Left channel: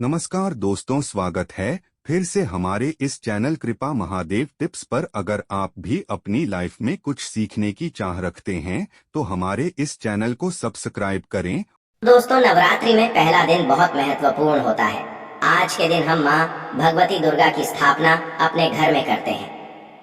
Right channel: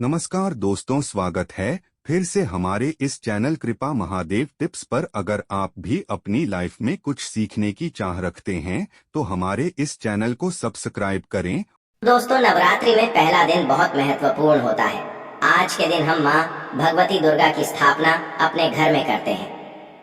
नमस्कार दोस्तों, स्वागत है फिर से हमारे इस चैनल कृपा महादेव टिप्स पर। अगर आप भी अपनी लाइफ में कुछ सीखने की चाह रखते हैं तो हमारे इस चैनल को सब्सक्राइब करें। दोस्तों, नवरात्रि में पहला दिन बहुत महत्वपूर्ण होता है। आज के दिन हम माँ भगवती दुर्गा की स्थापना अपने घर में करते हैं।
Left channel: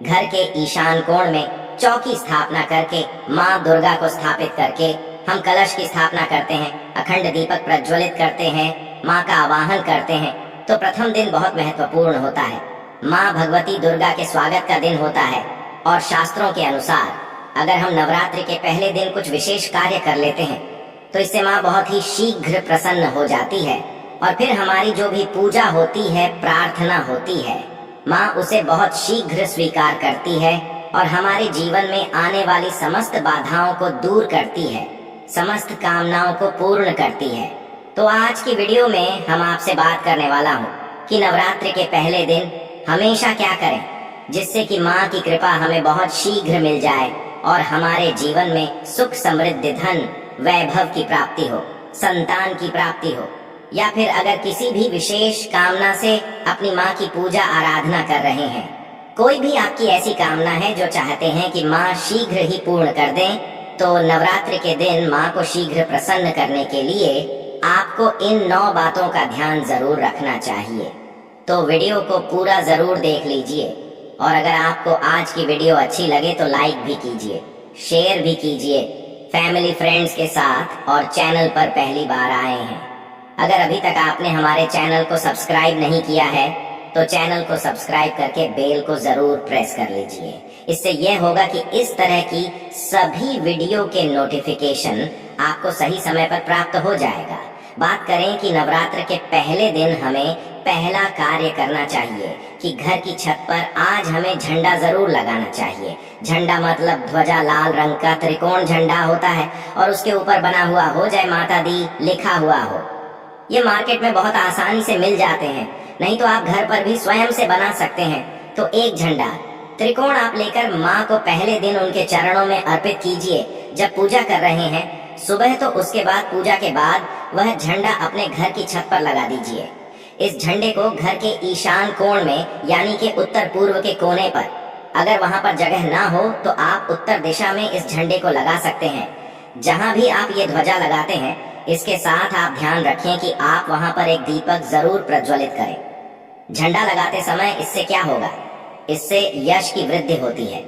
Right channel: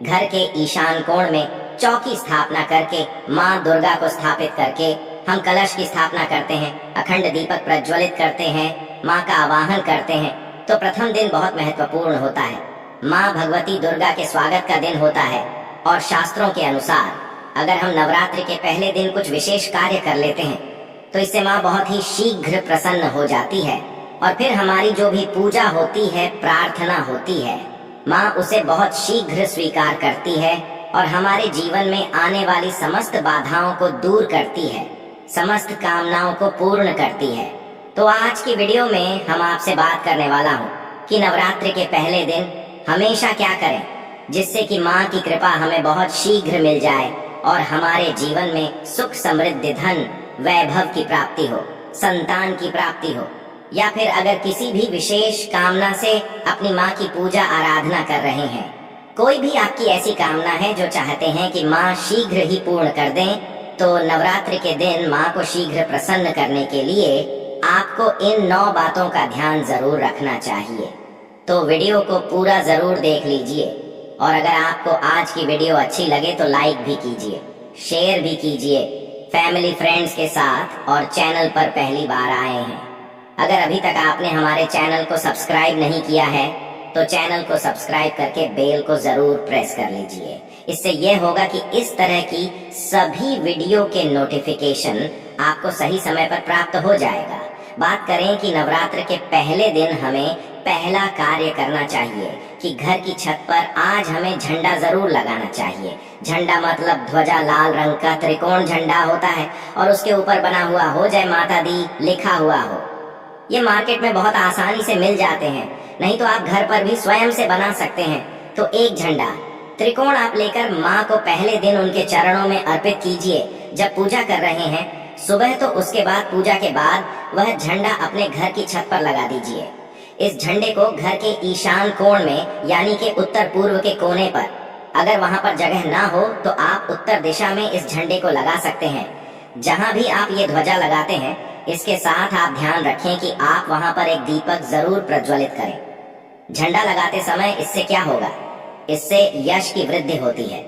घर के ईशान कोण में चौकी स्थापना करके माँ दुर्गा को स्थापित करके हम कलश की स्थापना करते हैं, अखंड दीपक प्रज्वलित करते हैं, माँ का आवाहन करते हैं। तो प्रथम दिन बहुत महत्वपूर्ण होता है। माँ भगवती दुर्गा के स्वागत का दिन होता है और शास्त्रों के अनुसार अगर हम नवरात्रि के पहले दिन कुछ विशेष कार्य कर लेते हैं तो इससे माँ बहुत ही शीघ्र प्रसन्न हो जाती है और फिर हमारी जो भी पूजा होती है, प्रार्थना होती है, माँ उसे बहुत शीघ्र स्वीकार करती है और हमारे जीवन में आने वाली समस्त बाधाओं को दूर करती है, समस्त कामनाओं को पूर्ण करती है। तो आज की वीडियो में हम आपसे बात करने वाला हूँ कि नवरात्रि के पहले दिन हमेशा क्या करें जिससे कि माँ की कृपा हमें बहुत शीघ्र मिल जाए और हमारे जीवन में सुख, समृद्धि, धन, वैभव की प्राप्ति हो, संतान की प्राप्ति हो, या फिर अगर किसी भी विशेष कामना से अपनी माँ की पूजा आराधना कर रहे हैं, कोई भी आपकी ऐसी कामना है जो चाहते हैं कि माँ शीघ्र ही पूर्ण कर दें, तो नवरात्रि के दिन माँ को शीघ्र प्रसन्न करने के लिए आपको इन 9 बातों का ध्यान जरूर रखना चाहिए। तो वीडियो को पूरा जरूर देख लीजिए और अगर आपको आज की वीडियो अच्छी लगे तो लाइक भी कीजिए, शेयर भी कीजिए फैमिली फ्रेंड्स के साथ, और चैनल पर पहली बार आए हैं, अगर अभी तक आपने हमारे चैनल को सब्सक्राइब नहीं किया है तो चैनल को सब्सक्राइब करके बेल को जरूर प्रेस कर लीजिए। इससे यह होगा कि इस तरह की सभी वीडियो के नोटिफिकेशन आपको सही समय पर प्राप्त हो जाएगा। बात करें कि नवरात्र के पहले दिन हमें पहला कार्य करना चाहिए कि घर की छत पर आज हमें झंडा जरूर लगाना चाहिए। झंडा मतलब ध्वजा, लाल रंग का त्रिकोण झंडा होता है और उसके ऊपर बना हुआ हो जय माता दी लिखा हुआ हो। ये मार्केट में बहुत आसानी से मिल जाते हैं, नहीं तो आप घर पर भी स्वयं से बना सकते हैं। तो एक झंडा त्रिकोण आप लेकर माँ को पहले दिन उनके चरणों में अर्पित कीजिए। जब पूजा कर रहे हैं सुबह तो उसके बाद पूजा के बाद वह झंडा अपने घर की छत पर लगा दीजिए। इस झंडे को घर के ईशान कोण में यानी कि उत्तर पूर्व के कोने पर, अगर वहां पर जगह ना हो तो आप उत्तर दिशा में इस झंडे को लगा सकते हैं। जहां भी आप ये ध्वजा लगाते हैं इसके साथ आप ध्यान रखें कि आप वहां पर एक दीपक जरूर प्रज्वलित करें। झंडा लगाते समय इससे क्या होगा, इससे यश की वृद्धि होती है।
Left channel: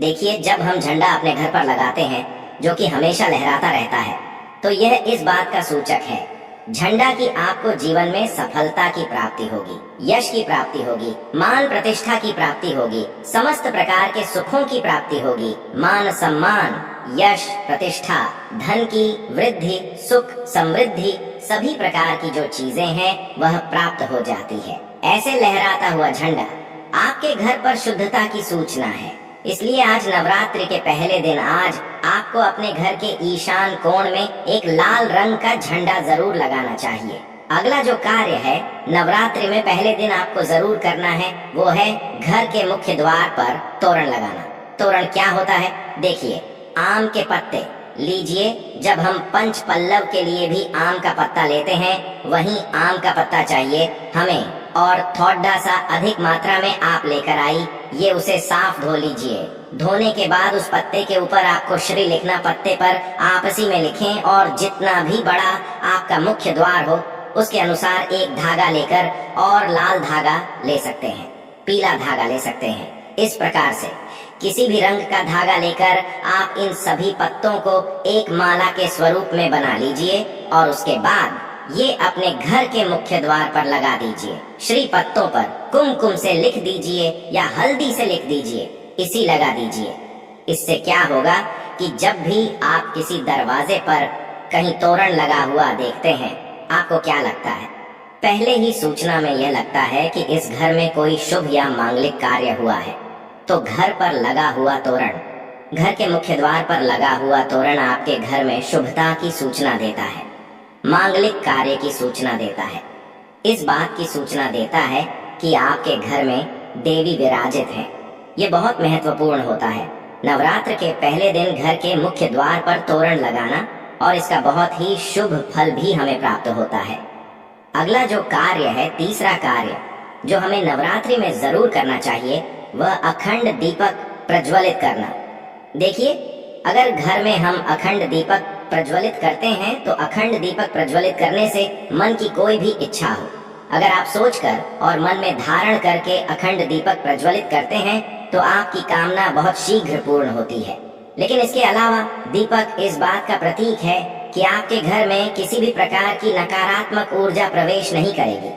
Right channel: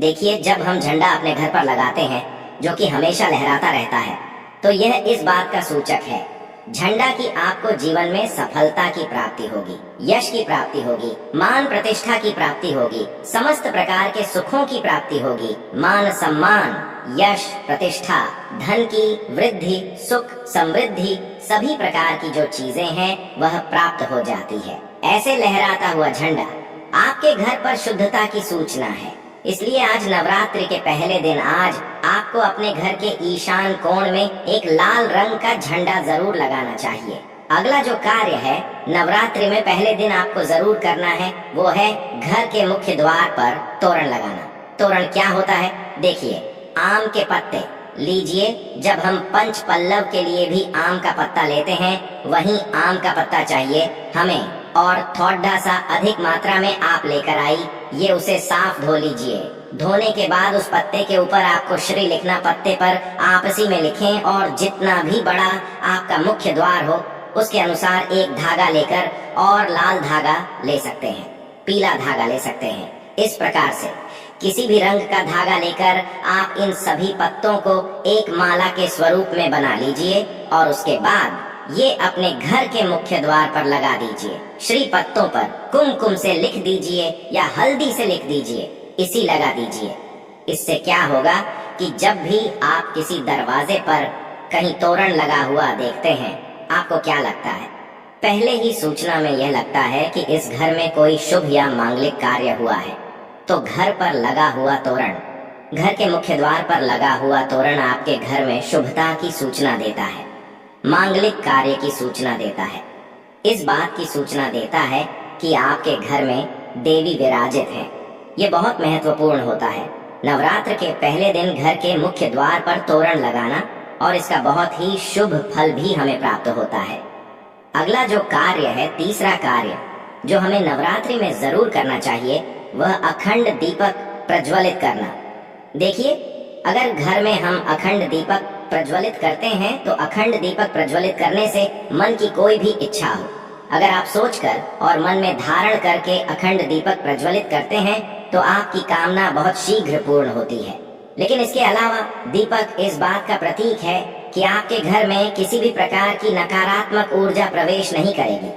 देखिए, जब हम झंडा अपने घर पर लगाते हैं जो कि हमेशा लहराता रहता है, तो यह इस बात का सूचक है झंडा की आपको जीवन में सफलता की प्राप्ति होगी, यश की प्राप्ति होगी, मान प्रतिष्ठा की प्राप्ति होगी, समस्त प्रकार के सुखों की प्राप्ति होगी। मान सम्मान, यश, प्रतिष्ठा, धन की वृद्धि, सुख, समृद्धि, सभी प्रकार की जो चीजें हैं वह प्राप्त हो जाती है। ऐसे लहराता हुआ झंडा आपके घर पर शुद्धता की सूचना है। इसलिए आज नवरात्रि के पहले दिन आज आपको अपने घर के ईशान कोण में एक लाल रंग का झंडा जरूर लगाना चाहिए। अगला जो कार्य है नवरात्रि में पहले दिन आपको जरूर करना है वो है घर के मुख्य द्वार पर तोरण लगाना। तोरण क्या होता है, देखिए, आम के पत्ते लीजिए। जब हम पंच पल्लव के लिए भी आम का पत्ता लेते हैं वहीं आम का पत्ता चाहिए हमें, और थोड़ा सा अधिक मात्रा में आप लेकर आई। ये उसे साफ धो लीजिए। धोने के बाद उस पत्ते के ऊपर आपको श्री लिखना, पत्ते पर आपसी में लिखें, और जितना भी बड़ा आपका मुख्य द्वार हो उसके अनुसार एक धागा लेकर, और लाल धागा ले सकते हैं, पीला धागा ले सकते हैं। इस प्रकार से किसी भी रंग का धागा लेकर आप इन सभी पत्तों को एक माला के स्वरूप में बना लीजिए और उसके बाद ये अपने घर के मुख्य द्वार पर लगा दीजिए। श्री पत्तों पर कुमकुम से लिख दीजिए या हल्दी से लिख दीजिए, इसी लगा दीजिए। इससे क्या होगा कि जब भी आप किसी दरवाजे पर कहीं तोरण लगा हुआ देखते हैं, आपको क्या लगता है, पहले ही सूचना में यह लगता है कि इस घर में कोई शुभ या मांगलिक कार्य हुआ है। तो घर पर लगा हुआ तोरण, घर के मुख्य द्वार पर लगा हुआ तोरण आपके घर में शुभता की सूचना देता है, मांगलिक कार्य की सूचना देता है। इस बात की सूचना देता है कि आपके घर में देवी विराजित हैं। ये बहुत महत्वपूर्ण होता है। नवरात्र के पहले दिन घर के मुख्य द्वार पर तोरण लगाना, और इसका बहुत ही शुभ फल भी हमें प्राप्त होता है। अगला जो कार्य है, तीसरा कार्य जो हमें नवरात्रि में जरूर करना चाहिए, वह अखंड दीपक प्रज्वलित करना। देखिए, अगर घर में हम अखंड दीपक प्रज्वलित करते हैं तो अखंड दीपक प्रज्वलित करने से मन की कोई भी इच्छा हो, अगर आप सोचकर और मन में धारण करके अखंड दीपक प्रज्वलित करते हैं तो आपकी कामना बहुत शीघ्र पूर्ण होती है। लेकिन इसके अलावा दीपक इस बात का प्रतीक है कि आपके घर में किसी भी प्रकार की नकारात्मक ऊर्जा प्रवेश नहीं करेगी।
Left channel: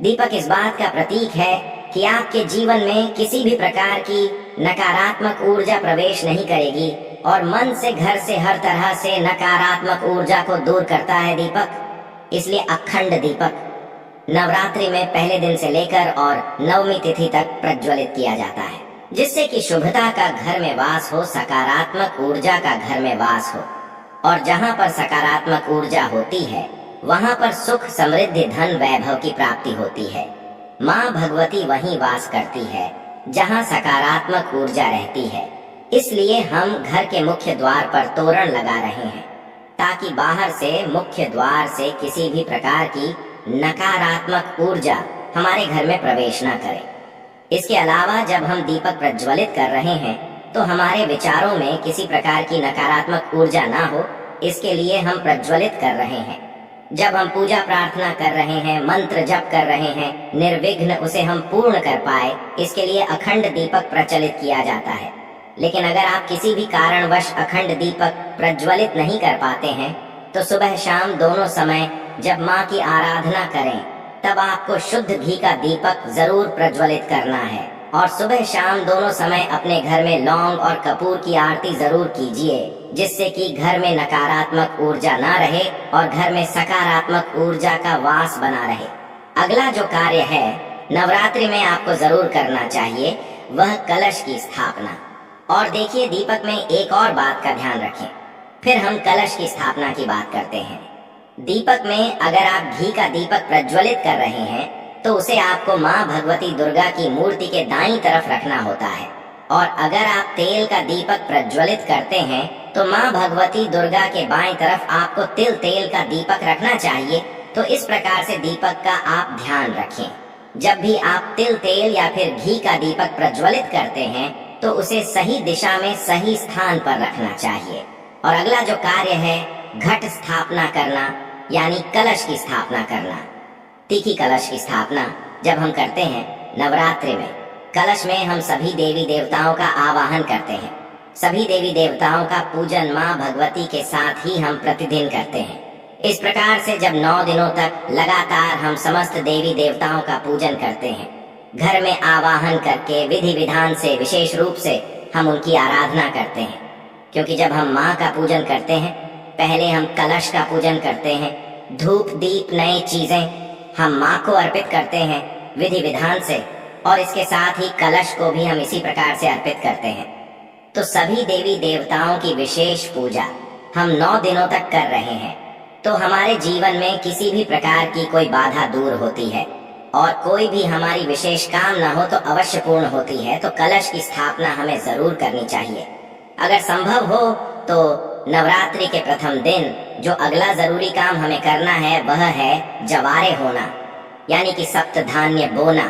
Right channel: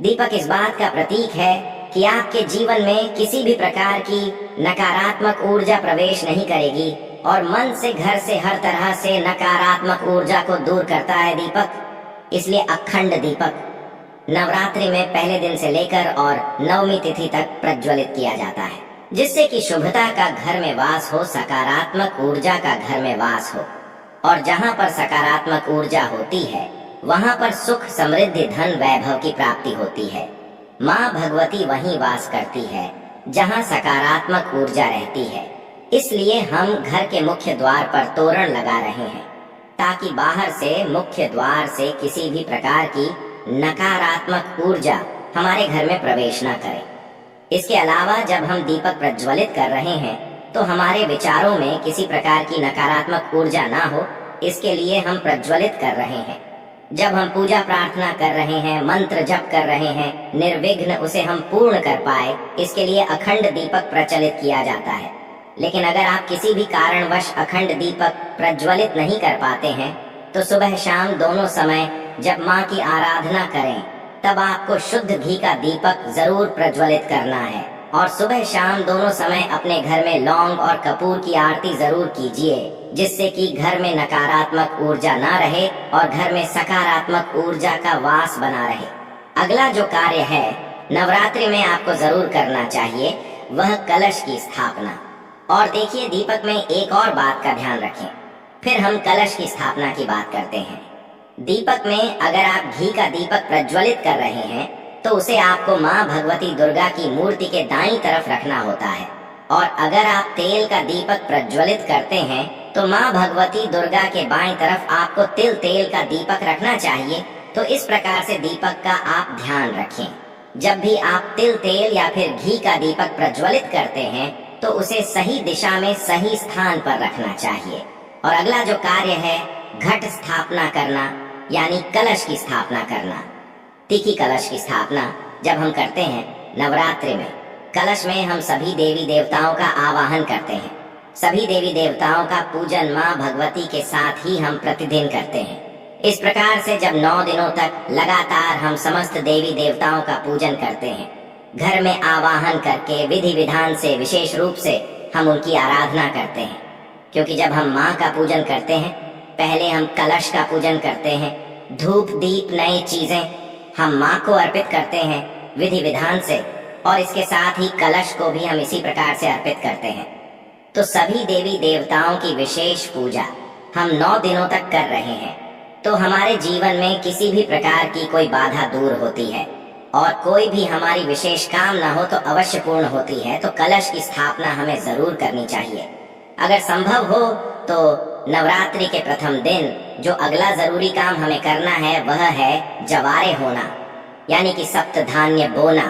दीपक इस बात का प्रतीक है कि आपके जीवन में किसी भी प्रकार की नकारात्मक ऊर्जा प्रवेश नहीं करेगी और मन से, घर से, हर तरह से नकारात्मक ऊर्जा को दूर करता है दीपक। इसलिए अखंड दीपक नवरात्रि में पहले दिन से लेकर और नवमी तिथि तक प्रज्वलित किया जाता है, जिससे कि शुभता का घर में वास हो, सकारात्मक ऊर्जा का घर में वास हो। और जहाँ पर सकारात्मक ऊर्जा होती है वहाँ पर सुख, समृद्धि, धन, वैभव की प्राप्ति होती है। माँ भगवती वहीं वास करती है जहाँ सकारात्मक ऊर्जा रहती है। इसलिए हम घर के मुख्य द्वार पर तोरण लगा रहे हैं ताकि बाहर से, मुख्य द्वार से किसी भी प्रकार की नकारात्मक ऊर्जा हमारे घर में प्रवेश न करे। इसके अलावा जब हम दीपक प्रज्वलित कर रहे हैं तो हमारे विचारों में किसी प्रकार की नकारात्मक ऊर्जा ना हो, इसके लिए हम प्रज्वलित कर रहे हैं। जब हम पूजा प्रार्थना कर रहे हैं, मंत्र जप कर रहे हैं, निर्विघ्न उसे हम पूर्ण कर पाए, इसके लिए अखंड दीपक प्रज्वलित किया जाता है। लेकिन अगर आप किसी भी कारणवश अखंड दीपक प्रज्वलित नहीं कर पाते हैं तो सुबह शाम दोनों समय जब माँ की आराधना करें तब आपको शुद्ध घी का दीपक जरूर प्रज्वलित करना है। और सुबह शाम दोनों समय अपने घर में लौंग और कपूर की आरती जरूर कीजिए, जिससे कि घर में नकारात्मक ऊर्जा ना रहे और घर में सकारात्मक ऊर्जा का वास बना रहे। अगला जो कार्य है नवरात्रि में आपको जरूर करना चाहिए, वह कलश की स्थापना। और देखिए, दीपक में एक और बात का ध्यान रखें, फिर हम कलश की स्थापना की बात करते हैं। दीपक में अगर आप घी का दीपक प्रज्वलित कर रहे हैं तो उसे आपको माँ भगवती दुर्गा की मूर्ति के दाईं तरफ रखना होता है। और अगर आप तेल का दीपक प्रज्वलित करते हैं तो माँ भगवती दुर्गा के बाईं तरफ आपको तिल तेल का दीपक रखना चाहिए। तो इस प्रकार से दीपक का आप ध्यान रखें। जब भी आप तिल तेल या फिर घी का दीपक प्रज्वलित करते हैं तो उसे सही दिशा में, सही स्थान पर रखना चाहिए। और अगला जो कार्य है घट स्थापना करना, यानी कलश की स्थापना करना। तीखी कलश की स्थापना जब हम करते हैं नवरात्रि में, कलश में हम सभी देवी देवताओं का आवाहन करते हैं। सभी देवी देवताओं का पूजन माँ भगवती के साथ ही हम प्रतिदिन करते हैं। इस प्रकार से जब 9 दिनों तक लगातार हम समस्त देवी देवताओं का पूजन करते हैं, घर में आवाहन करके विधि विधान से, विशेष रूप से हम उनकी आराधना करते हैं। क्योंकि जब हम माँ का पूजन करते हैं, पहले हम कलश का पूजन करते हैं, धूप दीप नई चीजें हम माँ को अर्पित करते हैं विधि विधान से, और इसके साथ ही कलश को भी हम इसी प्रकार से अर्पित करते हैं। तो सभी देवी देवताओं की विशेष पूजा हम 9 दिनों तक कर रहे हैं। तो हमारे जीवन में किसी भी प्रकार की कोई बाधा दूर होती है और कोई भी हमारी विशेष काम ना हो तो अवश्य पूर्ण होती है। तो कलश की स्थापना हमें जरूर करनी चाहिए। अगर संभव हो तो नवरात्रि के प्रथम दिन जो अगला जरूरी काम हमें करना है वह है जवारे होना, यानी कि सप्त धान्य बोना,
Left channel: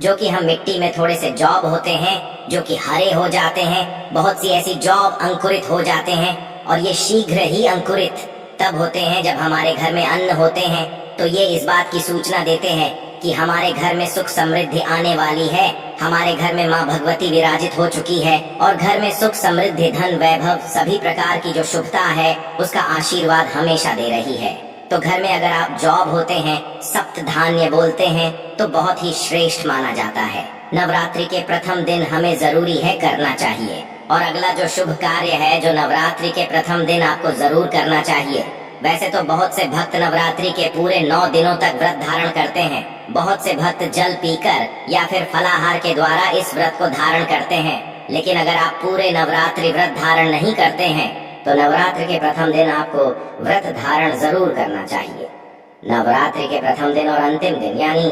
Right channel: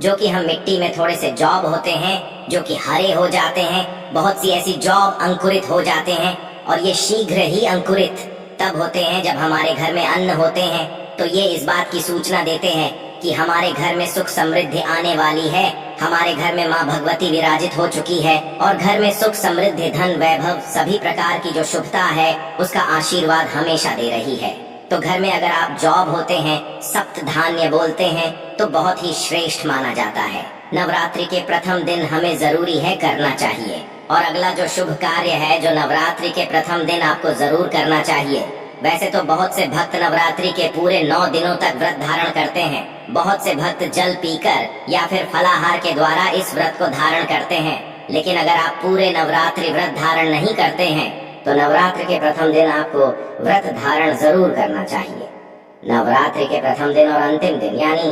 जो कि हम मिट्टी में थोड़े से जॉब होते हैं जो कि हरे हो जाते हैं। बहुत सी ऐसी जॉब अंकुरित हो जाते हैं और ये शीघ्र ही अंकुरित तब होते हैं जब हमारे घर में अन्न होते हैं। तो ये इस बात की सूचना देते हैं कि हमारे घर में सुख समृद्धि आने वाली है, हमारे घर में माँ भगवती विराजित हो चुकी है और घर में सुख समृद्धि, धन, वैभव, सभी प्रकार की जो शुभता है उसका आशीर्वाद हमेशा दे रही है। तो घर में अगर आप जॉब होते हैं, सप्त धान्य बोलते हैं, तो बहुत ही श्रेष्ठ माना जाता है। नवरात्रि के प्रथम दिन हमें जरूरी है करना चाहिए। और अगला जो शुभ कार्य है जो नवरात्रि के प्रथम दिन आपको जरूर करना चाहिए, वैसे तो बहुत से भक्त नवरात्रि के पूरे 9 दिनों तक व्रत धारण करते हैं। बहुत से भक्त जल पीकर या फिर फलाहार के द्वारा इस व्रत को धारण करते हैं। लेकिन अगर आप पूरे नवरात्रि व्रत धारण नहीं करते हैं तो नवरात्रि के प्रथम दिन आपको व्रत धारण जरूर करना चाहिए। नवरात्रि के प्रथम दिन और अंतिम दिन यानी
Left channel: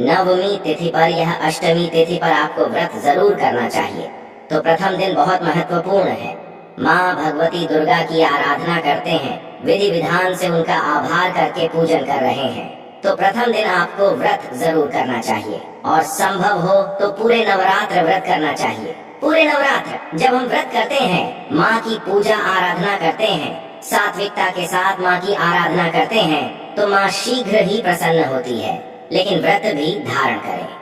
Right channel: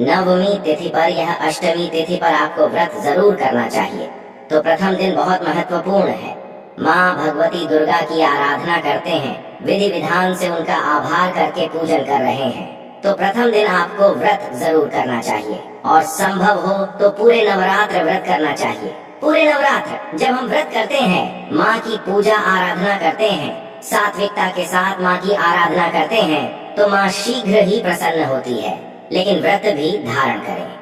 नवमी तिथि पर या अष्टमी तिथि पर आपको व्रत जरूर करना चाहिए। तो प्रथम दिन बहुत महत्वपूर्ण है। माँ भगवती दुर्गा की आराधना करते हैं, विधि विधान से उनका आभार करके पूजन कर रहे हैं। तो प्रथम दिन आपको व्रत जरूर करना चाहिए और संभव हो तो पूरे नवरात्र व्रत करना चाहिए। पूरे नवरात्र जब हम व्रत करते हैं, माँ की पूजा आराधना करते हैं, सात्विकता के साथ माँ की आराधना करते हैं, तो माँ शीघ्र ही प्रसन्न होती है। लेकिन व्रत भी धारण करें।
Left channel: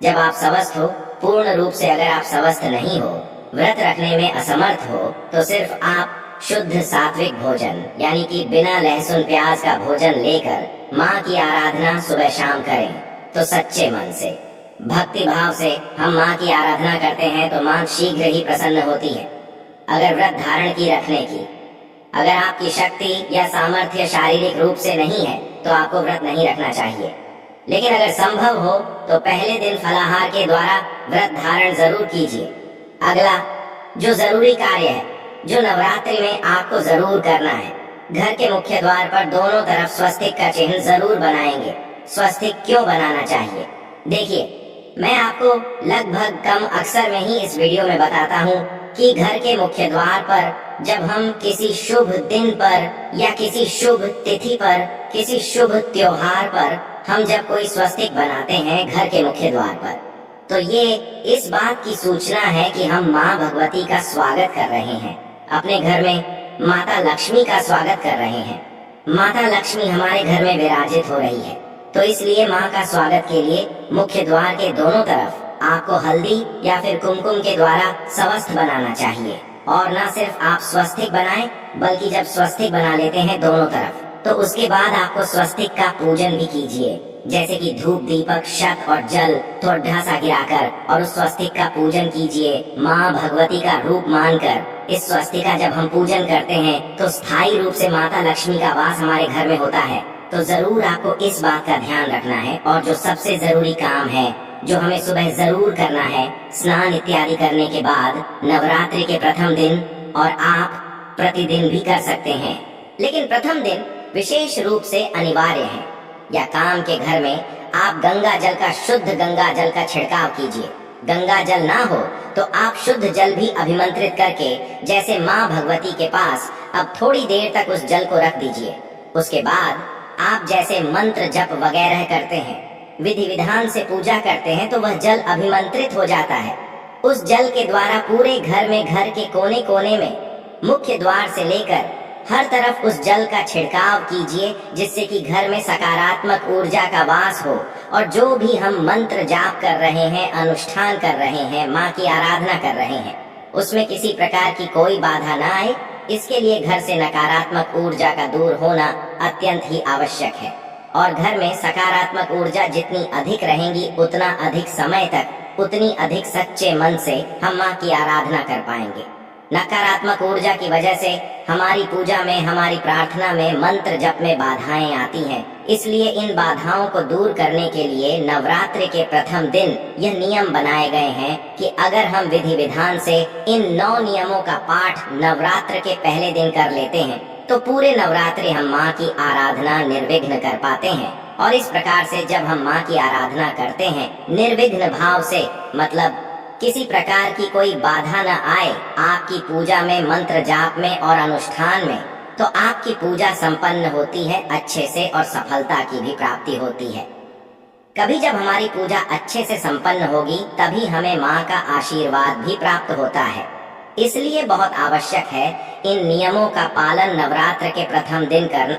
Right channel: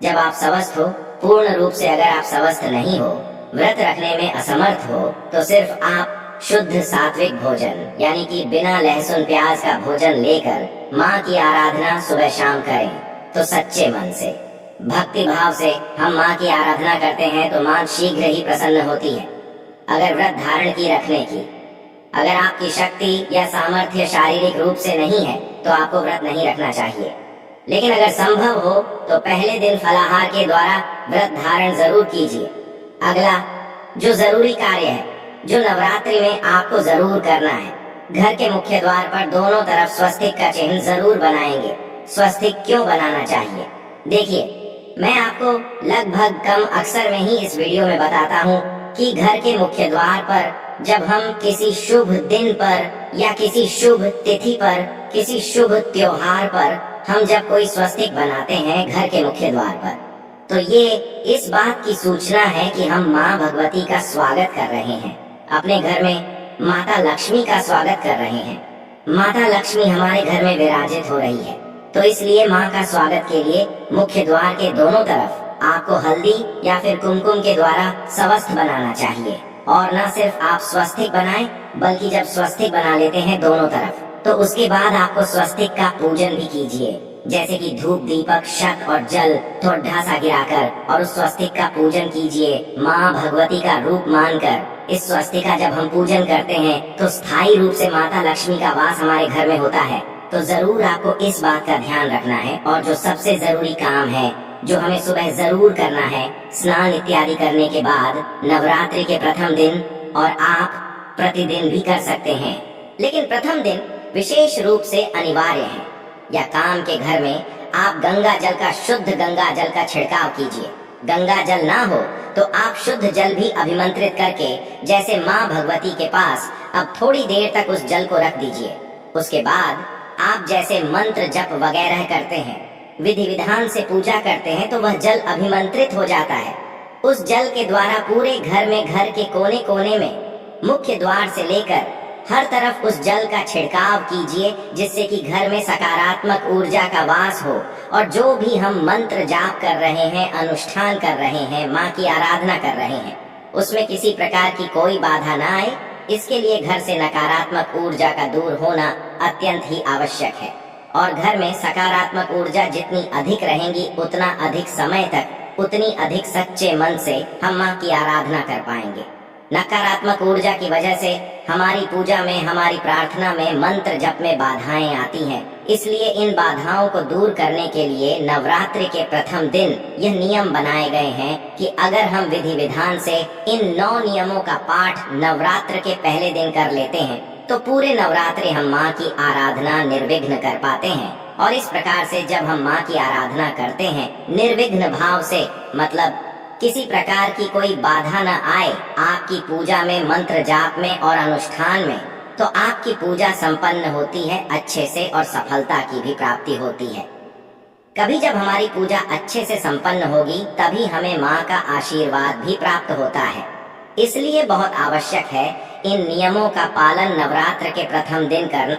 जब आप स्वस्थ हो, पूर्ण रूप से अगर आप स्वस्थ नहीं हो, व्रत रखने में असमर्थ हो, तो सिर्फ आप शुद्ध सात्विक भोजन यानी कि बिना लहसुन प्याज का भोजन लेकर माँ की आराधना सुबह शाम करें। तो सच्चे मन से, भक्ति भाव से हम माँ की आराधना करते हैं तो माँ शीघ्र ही प्रसन्न होती है। अगर व्रत धारण की रखने की अगर आपकी शक्ति या सामर्थ्य शारीरिक रूप से नहीं है तो आपको व्रत नहीं रखना चाहिए। लेकिन अगर संभव हो तो पहले दिन फलाहार के द्वारा व्रत धारण जरूर कीजिए। अगला जो जरूरी कार्य है, जो नवरात्रि में आपको जरूर करना है, घर के मुख्य द्वार पर दोनों तरफ स्वस्तिक का चिन्ह जरूर बनाएंगे। स्वस्तिक क्यों बनाना चाहिए? देखिए, मैं आपको लगभग कम अक्सर में ही इस वीडियो में बताता हूँ कि घर के मुख्य द्वार पर जब हम किसी शुभ दिन पर या किसी शुभ तिथि पर, किसी शुभ त्योहार पर हम जब कोई स्वस्तिक बनाते हैं घर के मुख्य द्वार पर, तो ये इस बात की सूचना है कि हम माँ भगवती का स्वागत कर रहे हैं। अपने घर में माता लक्ष्मी का स्वागत कर रहे हैं। माता लक्ष्मी हमारे घर में विराजित हो रही है, तो इसलिए माँ का स्वागत के लिए मुख्य द्वार के दोनों तरफ आपको हल्दी या फिर कुमकुम के द्वारा स्वस्थ बनाना चाहिए। और न सिर्फ आप स्वस्तिक बनाएं, बल्कि जब स्वस्तिक बना लेते हैं दोनों तरफ, तो उसके बाद आपको स्वस्तिक का पूजन भी कीजिए। जैसे कि धूप दीपक शत और जल थोड़ा सा गिराकर और उस स्वस्तिक का पूजन कीजिए। माँ भगवती का रूप मानकर इस स्वस्तिक का जब हम पूजन करते हैं तो स्थायी रूप से माता लक्ष्मी का वास हमारे घर में होता है। तो जरूर आपको इस बात का ध्यान रखना है। और जो सबसे जरूरी काम है, जो हमें सुबह जरूर करना है, स्नान इत्यादि करने के बाद नवरात्रि के प्रथम दिन, और आप प्रतिदिन भी कर सकते हैं, लेकिन प्रथम दिन विशेष रूप से अनिवार्य है। या काम के घर में आप गंगा जल का, शुद्ध गंगा जल का छिड़काव कीजिए। गंगा जल ना हो तो आप शुद्ध जल भी अभिमंत्रित करके, जैसे माँ भगवती के पास अब थोड़ी देर तक उस जल को रख दीजिए। उसके बाद आप जैसे मंत्र जप वगैरह करते हैं, विधि विधान से पूजा करते हैं, तो वह जल अभिमंत्रित हो जाता है। उस जल के द्वारा पूरे घर में, घर के कोने कोने में, मुख्य द्वार से लेकर हर तरफ उस जल का छिड़काव कीजिए, जिससे कि घर में सकारात्मक ऊर्जा का वास हो। और जो भी हम मंत्र जाप कर रहे हैं, अनुष्ठान कर रहे हैं, माँ की आराधना कर रहे हैं, उसमें किसी प्रकार की कोई बाधा ना आए, इसके लिए घर से नकारात्मक ऊर्जा का दूर होना अत्यंत ही आवश्यक है। और घर में सकारात्मक ऊर्जा जितनी अधिक रहेंगी, उतना अधिक समय तक, उतनी अधिक सच्चे मन से हम माँ की आराधना कर पाएंगे। नकारात्मक ऊर्जा की वजह से हमारी पूजा में, हमारी प्रार्थना में, मंत्र जप में बाधाएं आती हैं। इसलिए इन बाधाओं को दूर करने के लिए नवरात्रि के प्रथम दिन यह नियम बनाए गए हैं कि अगर हम विधि विधान से इन 9 नियमों का पाठ नवरात्र के पहले दिन कर लेते हैं, तो पूरे नवरात्रि हम माँ की आराधना निर्विघ्न कर पाते हैं। और इस प्रकार से जब हम माँ की आराधना करते हैं निर्विघ्न भाव से, मतलब किसी प्रकार की कोई बाधा न आए आपकी पूजा में, मंत्र जाप में और अनुष्ठान में, तो आपकी पूजा संपन्न होती है अच्छे से और सफलता की भी प्राप्ति होती है। कभी जब हमारी पूजा अच्छे से संपन्न होगी, तभी हमें माँ का आशीर्वाद भी प्राप्त होता है। इसलिए बहुत आवश्यक है इन नियमों का पालन नवरात्र के प्रथम दिन करना।